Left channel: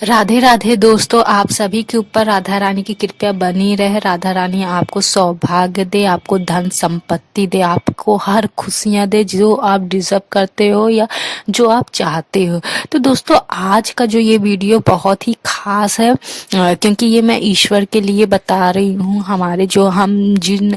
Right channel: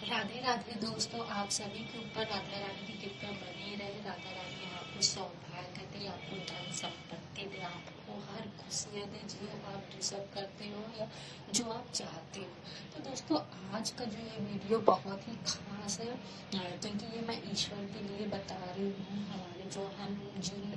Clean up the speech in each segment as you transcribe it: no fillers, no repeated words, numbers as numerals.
राधे राधे दोस्तों, आप सभी के ऊपर राधा रानी की कृपया बनी रहे। राधा रानी आपको सौभाग्य दे, आपको धन संपत्ति दे, आपको हर खुशियां दे जो आप डिजर्व करते हो या जो आप चाहते हो। तो दोस्तों, आज का जो ये वीडियो बहुत ही खास है क्योंकि ये मैं ईश्वर के लिए बता रही हूँ। हमारे जो हम जिन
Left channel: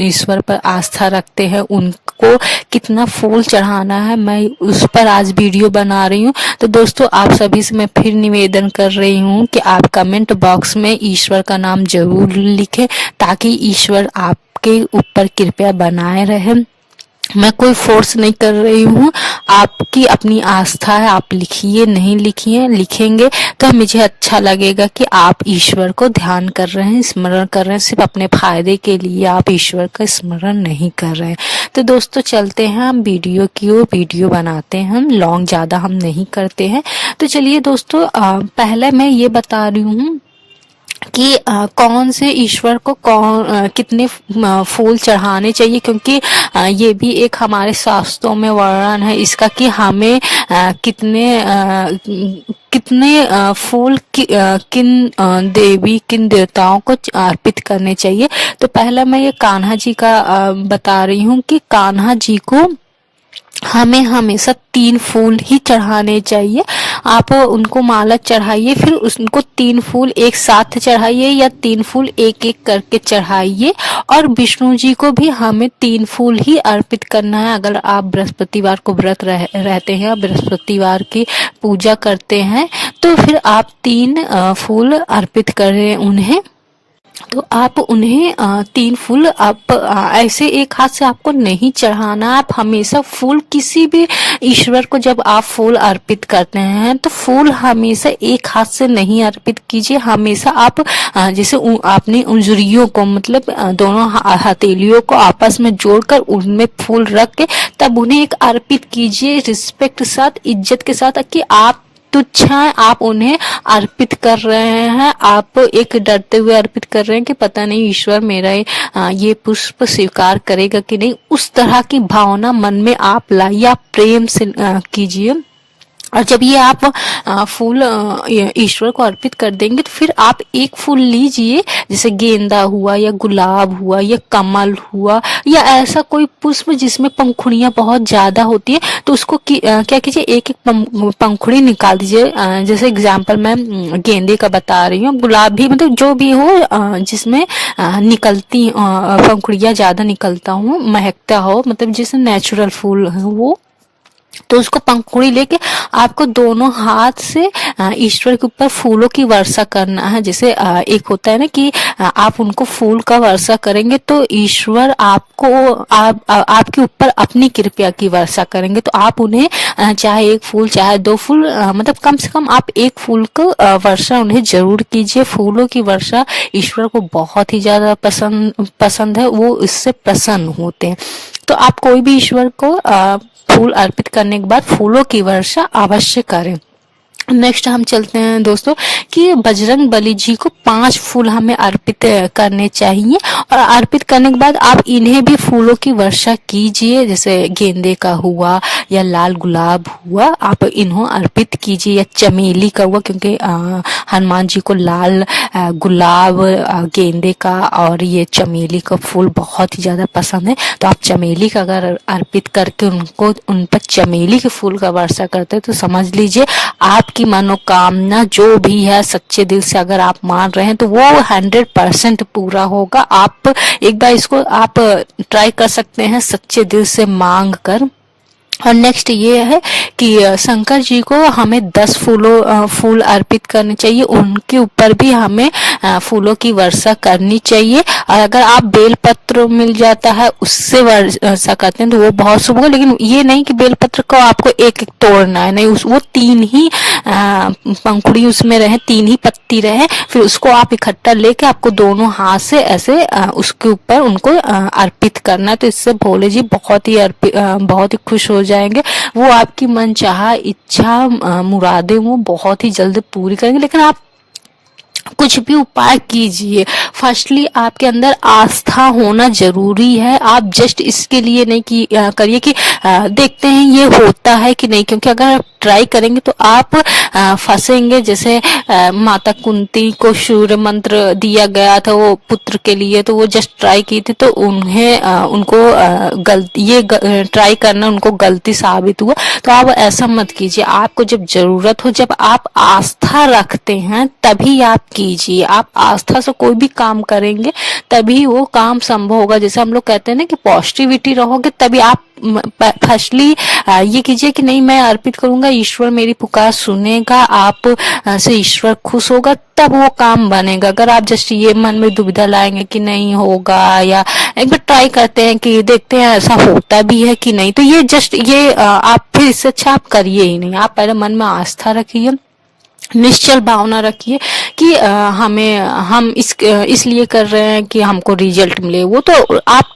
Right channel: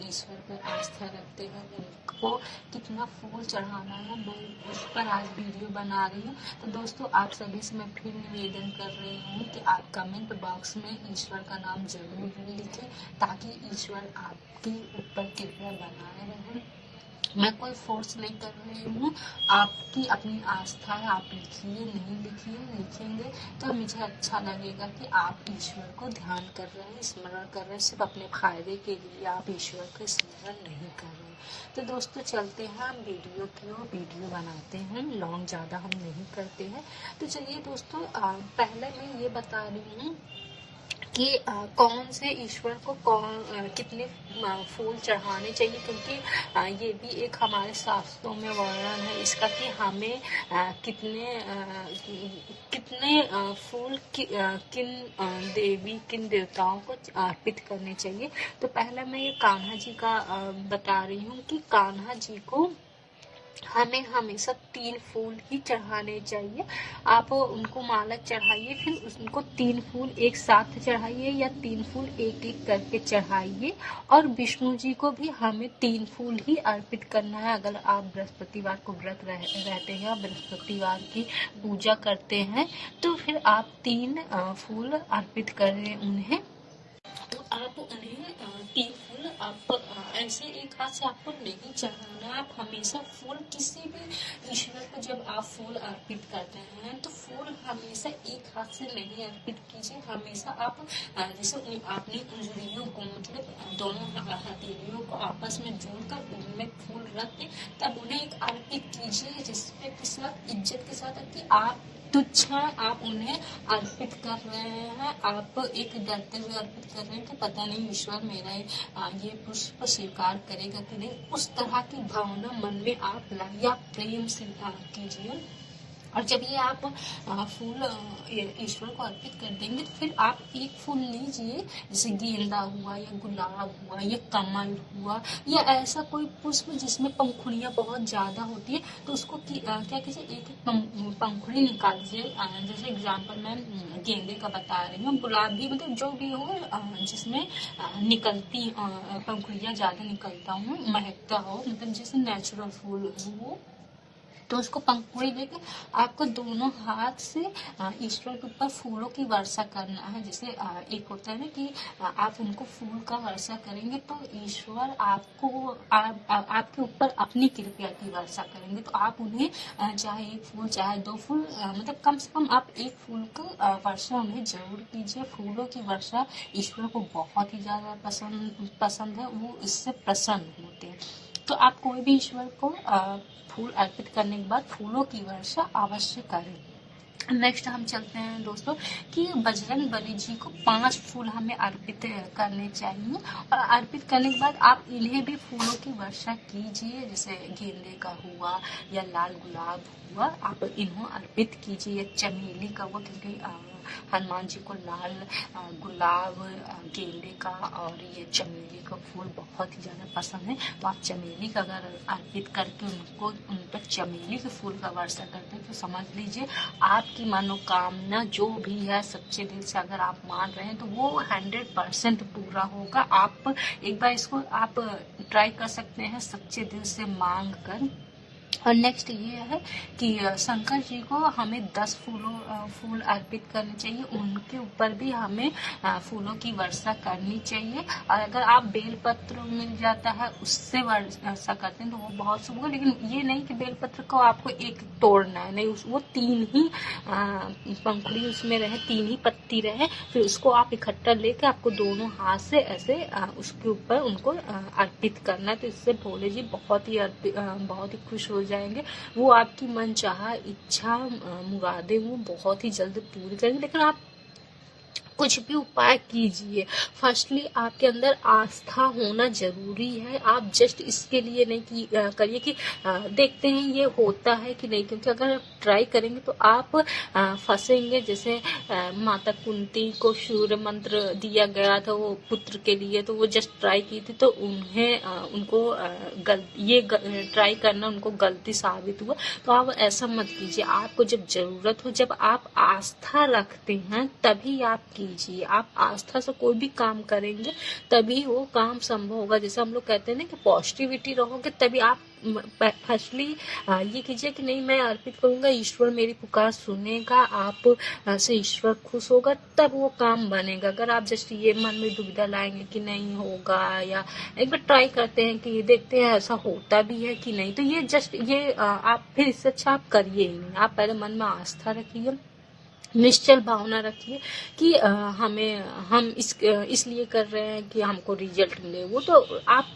ईश्वर पर आस्था रखते हैं उनको कितना फूल चढ़ाना है, मैं उस पर आज वीडियो बना रही हूँ। तो दोस्तों, आप सभी से मैं फिर निवेदन कर रही हूँ कि आप कमेंट बॉक्स में ईश्वर का नाम जरूर लिखें ताकि ईश्वर आपके ऊपर कृपया बनाए रहे। मैं कोई फोर्स नहीं कर रही हूँ, आपकी अपनी आस्था है। आप लिखिए, नहीं लिखिए, लिखेंगे तो मुझे अच्छा लगेगा कि आप ईश्वर को ध्यान कर रहे हैं, स्मरण कर रहे हैं। सिर्फ अपने फायदे के लिए आप ईश्वर का स्मरण नहीं कर रहे हैं। तो दोस्तों, चलते हैं हम वीडियो की ओर। वीडियो बनाते हैं हम, लॉन्ग ज़्यादा हम नहीं करते हैं। तो चलिए दोस्तों, पहले मैं ये बता रही हूँ कि कौन से ईश्वर को कितने फूल चढ़ाने चाहिए, क्योंकि ये भी एक हमारे शास्त्रों में वर्णन है इसका कि हमें कितने फूल किन देवी किन देवताओं को अर्पित करने चाहिए। तो पहला मैं ये कान्हा जी का बता रही हूँ कि कान्हा जी को हमें हमेशा 3 फूल ही चढ़ाने चाहिए। आप उनको माला चढ़ाइए, फिर उनको 3 फूल एक साथ चढ़ाइए या 3 फूल एक एक करके चढ़ाइए। और विष्णु जी को भी हमें 3 फूल ही अर्पित करना है। अगर आप बृहस्पतिवार को व्रत रहते हैं, बृहस्पतिवार की पूजा करते हैं, तो फिर आप 3 फूल अर्पित करें उन्हें। तो आप उन्हें 3 फूल आप ऐसे एक हाथ से आपको नहीं चढ़ाना। आप हमेशा फूल किसी भी ईश्वर को जब आप फूल अर्पित करते हैं तो फूल हमेशा एक हाथ से नहीं अर्पित कीजिए। हमेशा आप जैसे आपने उंगलियों को मतलब दोनों हथेलियों को आपस में जोड़कर उनमें फूल रख के तब उन्हें एक अर्पित कीजिए, रिस्पेक्ट के साथ, इज्जत के साथ, कि आप तुच्छ हैं, आप उन्हें अर्पित कर रहे हैं। आप एक डरते हुए अर्पित कर रहे हैं कि पता नहीं ईश्वर मेरा ये पुष्प स्वीकार करेगा कि नहीं। उस तरह की भावना मन में आप लाइए, आप प्रेम से कीजिए। और जब ये आप फूल ईश्वर को अर्पित कर देंगे तो फिर आप एक फूल लीजिए, जैसे गेंदा हुआ या गुलाब हुआ या कमल हुआ या ऐसा कोई पुष्प जिसमें पंखुड़ियां बहुत ज्यादा होती है, तो उसको क्या कीजिए, एक एक पंखुड़ी निकाल दीजिए। जैसे एग्जाम्पल मैं गेंदे का बता रही हूँ, गुलाब भी, मतलब जो भी हो जिसमें निकलती पंखुड़ियां ज्यादा निकलता हो, महकता हो, मतलब जिसमें नेचुरल फूल है वो। तो उसको पंखुड़ी लेके आपको दोनों हाथ से ईश्वर के ऊपर फूलों की वर्षा करना है। जैसे एक होता है ना कि आप उनको फूल का वर्षा करेंगे तो ईश्वर आपको आपके ऊपर अपनी कृपा की वर्षा करेंगे। तो आप उन्हें चाहे 1 फूल चाहे 2 फूल, मतलब कम से कम आप 1 फूल को वर्षा उन्हें जरूर कीजिए। फूलों की वर्षा ईश्वर को बहुत ही ज्यादा पसंद है, वो इससे प्रसन्न होते हैं। तो आप कोई भी ईश्वर को फूल अर्पित करने के बाद फूलों की वर्षा अवश्य करें। नेक्स्ट हम चलते हैं दोस्तों कि बजरंग बली जी को 5 फूल हमें अर्पित करने चाहिए। और अर्पित करने के बाद आप इन्हें भी फूलों की वर्षा कीजिए, जैसे गेंदे का हुआ या लाल गुलाब हुआ, आप इन्हों अर्पित कीजिए, या चमेली का हुआ, क्योंकि हनुमान जी को लाल गुलाब, गेंदे का और ये चमेली का फूल बहुत ही ज्यादा पसंद है। तो आप चमेली का अगर अर्पित करके उन पर चमेली के फूल का वर्षा करते हैं तो समझ लीजिए आप की मनोकामना जो भी है सच्चे दिल से अगर आप मान रहे हैं तो वो 100% पूरा होगा। आप एक बार इसको आप ट्राई कर सकते हैं सच्चे दिल से मांग कर। और नेक्स्ट ये है कि शंकर जी को हमें 10 फूल अर्पित करने चाहिए, उनके ऊपर भी हमें फूलों की वर्षा करनी चाहिए। और अगर आप बेलपत्र मिल जाता है उससे वर्षा करते हैं तो वो बहुत शुभ होगा। लेकिन ये नहीं कि बेलपत्र को आपको एक एक तोड़ना है, नहीं, वो 3 ही पंखुड़ी उसमें रहे, 3 ही पत्ती रहे, फिर उसको आप इकट्ठा लेके आपको दोनों हाथ से ऐसे उसके ऊपर उनको अर्पित करना है। तो इससे भोले जी बहुत ही खुश हो जाएंगे। वो आपकी मनचाहा इच्छा मुरादें वो बहुत ही जल्द पूरी करेंगे। लेकिन आप कुछ भी उपाय कीजिए, फर्स्टली आपके अंदर आस्था होना जरूरी है। आप जस्ट इसके लिए नहीं कि करिए कि देखते हैं ये होता है कि नहीं, क्योंकि अगर आप ट्राई करेंगे तो आप फंसेंगे। जैसे माता कुंती को सूर्य मंत्र दिया गया था वो पुत्र के लिए, तो वो जस्ट ट्राई की थी, तो उन्हें उनको गलती ट्राई करना उनको गलती साबित हुआ। तो आप ऐसा मत कीजिए। आपको जब जरूरत हो, जब आप आस्था रखते हैं तभी आप कीजिए। आप आस्था से कोई भी काम करेंगे तभी वो काम संभव होगा। जैसे हम लोग कहते हैं ना कि पॉजिटिविटी रहोगे तभी आप फर्स्टली ये कीजिए कि नहीं, मैं अर्पित करूंगा, ईश्वर मेरी पुकार सुनेगा, आप से ईश्वर खुश होगा, तब वो काम बनेगा। अगर आप जस्ट ये मन में दुविधा लाएंगे कि नहीं होगा, या एक बार ट्राई करते हैं कि देखते हैं ऐसा होता भी है कि नहीं, तो ये जस्ट ये आप फिर इससे अच्छा आप करिए ही नहीं। आप पहले मन में आस्था रखिए, निश्चल भावना रखिए कि हम इसलिए कर रहे हैं कि हमको रिजल्ट मिले। वो तो आप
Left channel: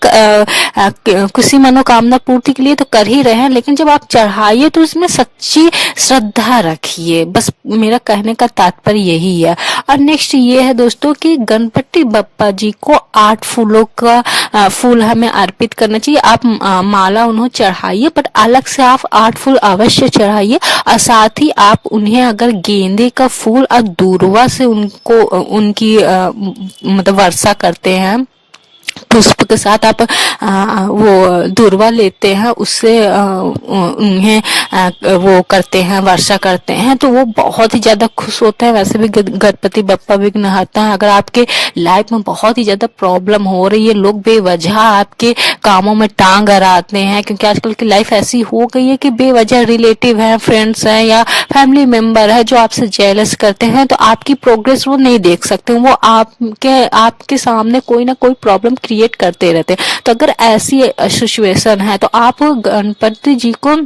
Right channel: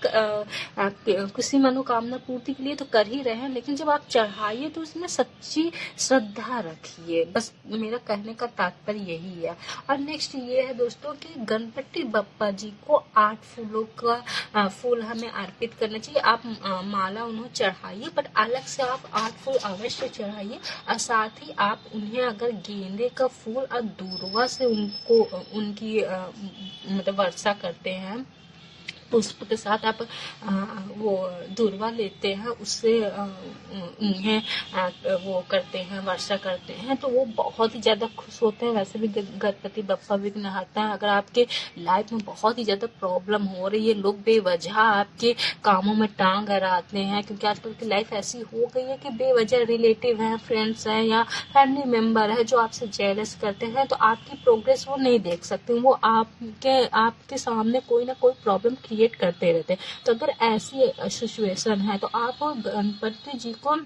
किसी मनोकामना पूर्ति के लिए तो कर ही रहे हैं, लेकिन जब आप चढ़ाइए तो उसमें सच्ची श्रद्धा रखिए। बस मेरा कहने का तात्पर्य यही है। और नेक्स्ट ये है दोस्तों कि गणपति बप्पा जी को 8 फूलों का फूल हमें अर्पित करना चाहिए। आप माला उन्हें चढ़ाइए, बट अलग से आप 8 फूल अवश्य चढ़ाइए। और साथ ही आप उन्हें अगर गेंदे का फूल और दूर्वा से उनको उनकी मतलब वर्षा करते हैं, पुष्प के साथ आप वो दूर्वा लेते हैं, उससे उन्हें वो करते हैं, वर्षा करते हैं, तो वो बहुत ही ज्यादा खुश होते हैं। वैसे भी गणपति बप्पा विघ्नहर्ता है। अगर आपके लाइफ में बहुत ही ज्यादा प्रॉब्लम हो रही है, लोग बेवजह आपके कामों में टांग अड़ाते हैं, क्योंकि आजकल की लाइफ ऐसी हो गई है कि बेवजह रिलेटिव हैं, फ्रेंड्स हैं या फैमिली मेंबर है जो आपसे जेलस करते हैं, तो आपकी प्रोग्रेस वो नहीं देख सकते। वो आपके सामने कोई ना कोई प्रॉब्लम क्रिएट करते रहते हैं। तो अगर ऐसी सिचुएशन है तो आप गणपति जी को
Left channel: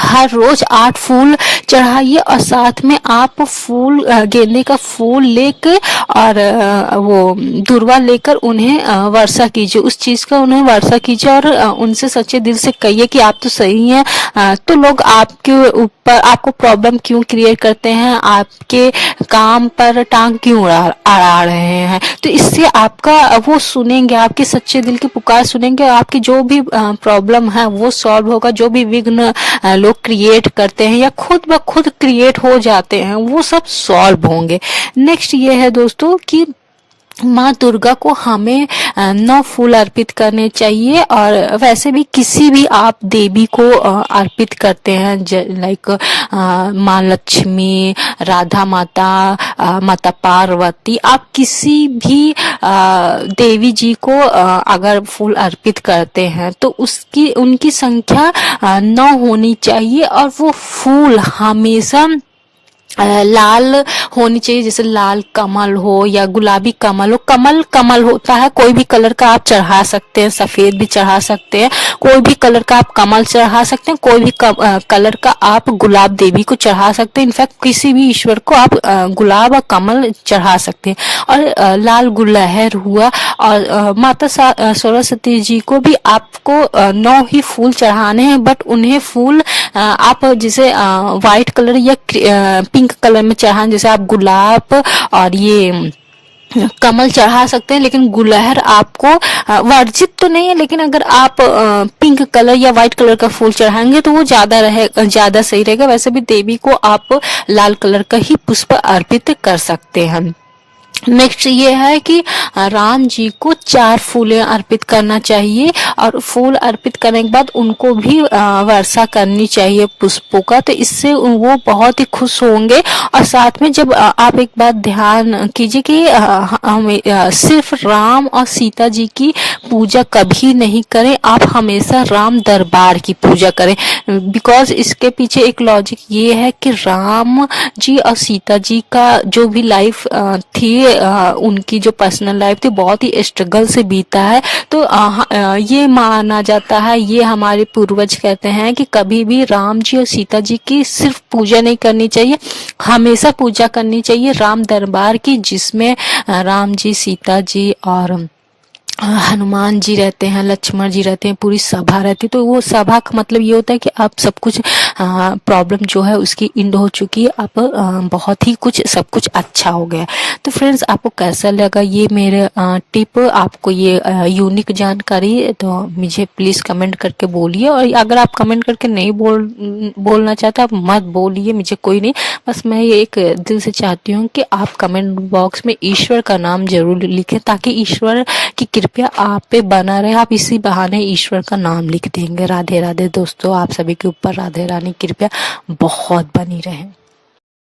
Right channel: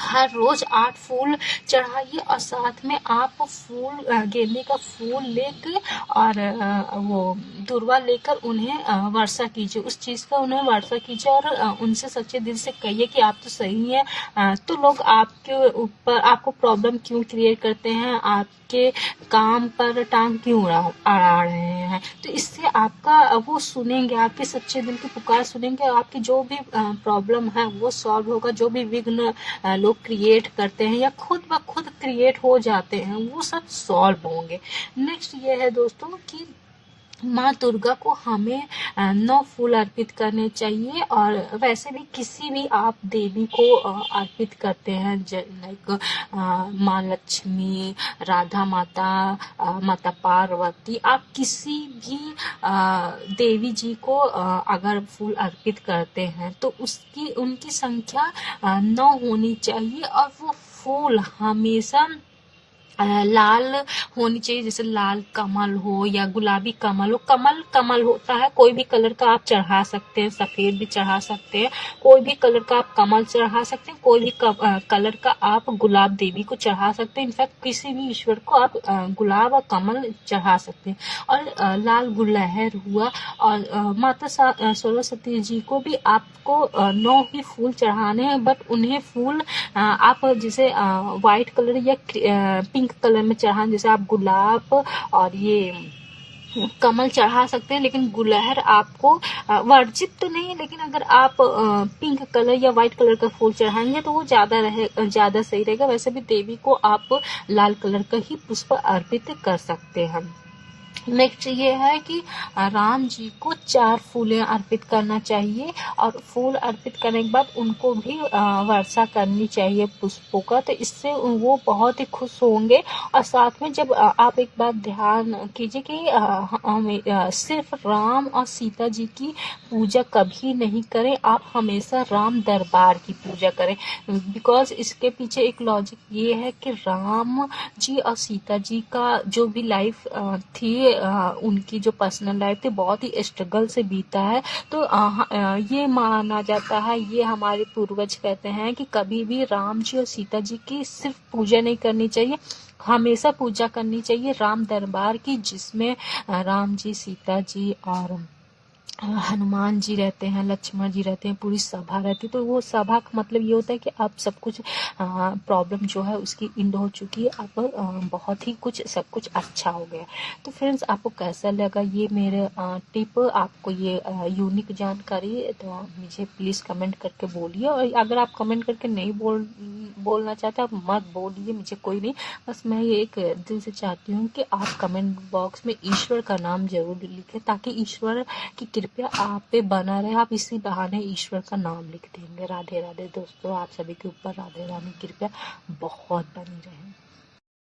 हर रोज 8 फूल चढ़ाइए, और साथ में आप फूल गेंदे का फूल लेकर और वो दूर्वा लेकर उन्हें वर्षा कीजिए, उस चीज का उन्हें वर्षा कीजिए। और उनसे सच्चे दिल से कहिए कि आप तो सही हैं, तो लोग आपके ऊपर आपको प्रॉब्लम क्यों क्रिएट करते हैं, आपके काम पर टांग क्यों अड़ा रहे हैं। तो इससे आपका वो सुनेंगे, आपके सच्चे दिल की पुकार सुनेंगे, और आपकी जो भी प्रॉब्लम है वो सॉल्व होगा। जो भी विघ्न लोग क्रिएट करते हैं या खुद ब खुद क्रिएट हो जाते हैं, वो सब सॉल्व होंगे। नेक्स्ट ये है दोस्तों कि माँ दुर्गा को हमें 9 फूल अर्पित करने चाहिए। और वैसे भी किसी भी आप देवी को अर्पित करते हैं, लाइक माँ लक्ष्मी, राधा माता, माता पार्वती, आप किसी भी देवी जी को अगर फूल अर्पित करते हैं तो उनकी संख्या 9 होनी चाहिए। और वो फूल हमेशा लाल होनी चाहिए, जैसे लाल कमल हो या गुलाबी कमल हो। कमल होता है, कोई भी कलर का आप चढ़ा सकते हैं, सफेद भी चढ़ा सकते हैं, कोई भी कलर का आप कमल चढ़ा सकते हैं, कोई भी कलर का आप गुलाब देवी को चढ़ा सकते हैं। इनफैक्ट किसी भी ईश्वर को आप गुलाब और कमल चढ़ा सकते हैं। और लाल गुलहर हुआ। और माता सरस्वती जी को भी आपको 9 ही फूल चढ़ाने हैं, बट उन्हें फूल आप जैसे व्हाइट कलर या पिंक कलर में चढ़ाएं। जैसे आप गुलाब और ये कमल चढ़ा सकते हैं, लेकिन गुलहर आपको वर्जित तो नहीं है, लेकिन अगर आप पिंक कलर या व्हाइट कलर का फूल चढ़ाएंगे तो वो ज्यादा सही रहेगा। वैसे भी देवी को आप लाल कलर का ही पुष्प अर्पित कर सकते हैं। नेक्स्ट ये है कि राम जी को 4 फूलें अर्पित करना चाहिए, और फूल अर्पित करने के बाद उनको भी वर्षा करनी चाहिए पुष्पों का, तो इससे वो बहुत ही खुश होंगे। और साथ में जब आप एक बात ध्यान कीजिए कि हमें सिर्फ राम और सीता जी की पूजा कभी नहीं करें, आप हमेशा राम दरबार की पूजा करें। बिकॉज इसके पीछे एक लॉजिक ये है कि राम जी और सीता जी का जो भी लाइफ थी, उनकी जो पर्सनल लाइफ थी बहुत ही स्ट्रगल से बीता है। तो ये माना जाता है, ये हमारे पूर्वज कहते हैं कि कभी भी राम जी और सीता जी की सिर्फ पूजा नहीं करनी चाहिए, हमेशा पूजा करनी चाहिए राम दरबार की, जिसमें राम जी, सीता जी और हनुमान जी रहते हैं, लक्ष्मण जी रहते हैं, पूरी सभा रहती है। तो वो सभा का मतलब ये होता है कि अब सब कुछ प्रॉब्लम जो है उसकी एंड हो चुकी है, अब बहुत ही कुछ सब कुछ अच्छा हो गया। तो फ्रेंड्स, आपको कैसा लगा ये मेरे टिप, आपको ये यूनिक जानकारी है, तो मुझे प्लीज़ कमेंट करके बोलिए। और अगर आप कमेंट करके नहीं बोलना चाहते, आप मत बोलिए, मुझे कोई नहीं। बस मैं ये एक दिल से चाहती हूँ कि आप कमेंट बॉक्स में ईश्वर का नाम जरूर लिखें, ताकि ईश्वर की कृपया आप पे बना रहे। आप इसी बहाने ईश्वर का नाम लिख देंगे। राधे राधे दोस्तों, आप सभी के ऊपर राधे रानी कृपया बहुत बनी रहे।